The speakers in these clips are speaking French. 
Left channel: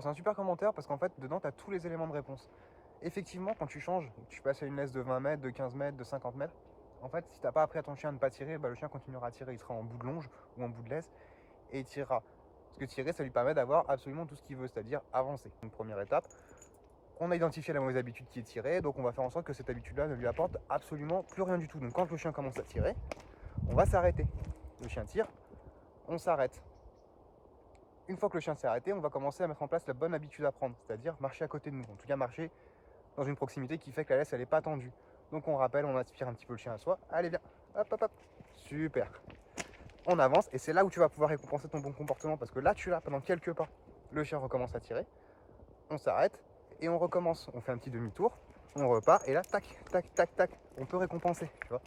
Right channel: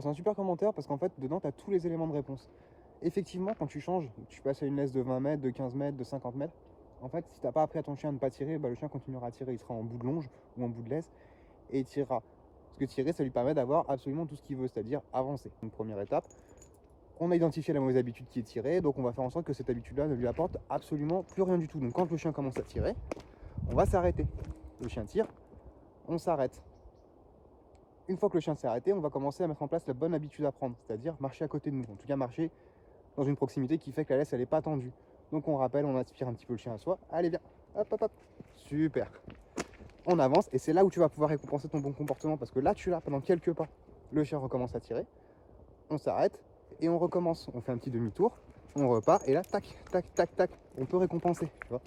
Alors c'est un super commentaire parce qu'en fait dedans tu as tous les éléments de réponse. Effectivement quand tu changes, tu passes à une laisse de 20 mètres, de 15 mètres, de 50 mètres, en fait si t'as pas appris à ton chien à ne pas tirer, bah, le chien continuera à tirer, il sera en bout de longe ou en bout de laisse et il tirera. Parce que tirer ça lui permet d'avoir absolument tout ce qu'il veut, c'est-à-dire avancer. Une première étape, on a identifié la mauvaise habitude qui est tirée, donc on va faire en sorte que cette habitude-là ne lui apporte absolument plus rien du tout. Donc quand le chien commence à tirer, on va s'arrêter. Le chien tire, on s'arrête. Une fois que le chien s'est arrêté, on va commencer à mettre en place la bonne habitude à prendre, c'est-à-dire marcher à côté de nous, en tout cas marcher dans une proximité qui fait que la laisse elle n'est pas tendue. Donc on rappelle, on aspire un petit peu le chien à soi, allez viens, hop hop hop, super. On avance et c'est là où tu vas pouvoir récompenser ton bon comportement parce que là tu l'as pendant quelques pas. Le chien recommence à tirer, on s'arrête et on recommence. On fait un petit demi-tour, on repart et là tac tac tac tac, on peut récompenser, tu vois.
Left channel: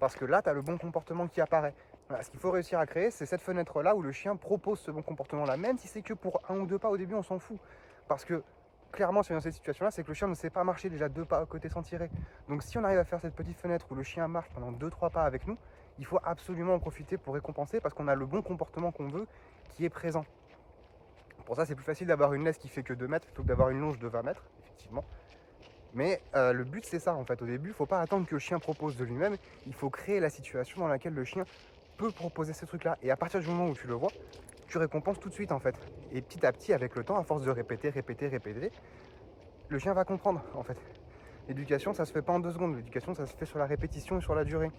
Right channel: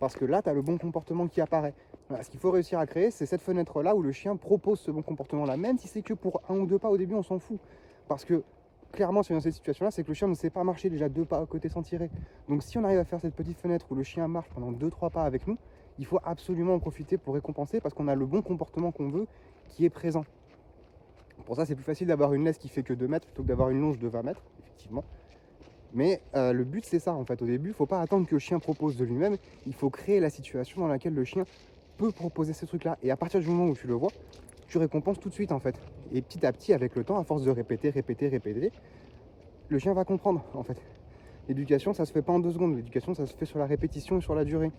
Parce que là tu as le bon comportement qui apparaît. Voilà, ce qu'il faut réussir à créer, c'est cette fenêtre-là où le chien propose ce bon comportement-là, même si c'est que pour 1 ou 2 pas au début, on s'en fout. Parce que clairement, si on est dans cette situation-là, c'est que le chien ne sait pas marcher déjà 2 pas à côté sans tirer. Donc si on arrive à faire cette petite fenêtre où le chien marche pendant 2-3 pas avec nous, il faut absolument en profiter pour récompenser parce qu'on a le bon comportement qu'on veut qui est présent. Pour ça, c'est plus facile d'avoir une laisse qui fait que 2 mètres plutôt que d'avoir une longe de 20 mètres, effectivement. Mais le but, c'est ça, en fait. Au début, il ne faut pas attendre que le chien propose de lui-même. Il faut créer la situation dans laquelle le chien peut proposer ces trucs-là. Et à partir du moment où tu le vois, tu récompenses tout de suite, en fait. Et petit à petit, avec le temps, à force de répéter, le chien va comprendre, en fait. L'éducation, ça se fait pas en 2 secondes. L'éducation, ça se fait sur la répétition et sur la durée.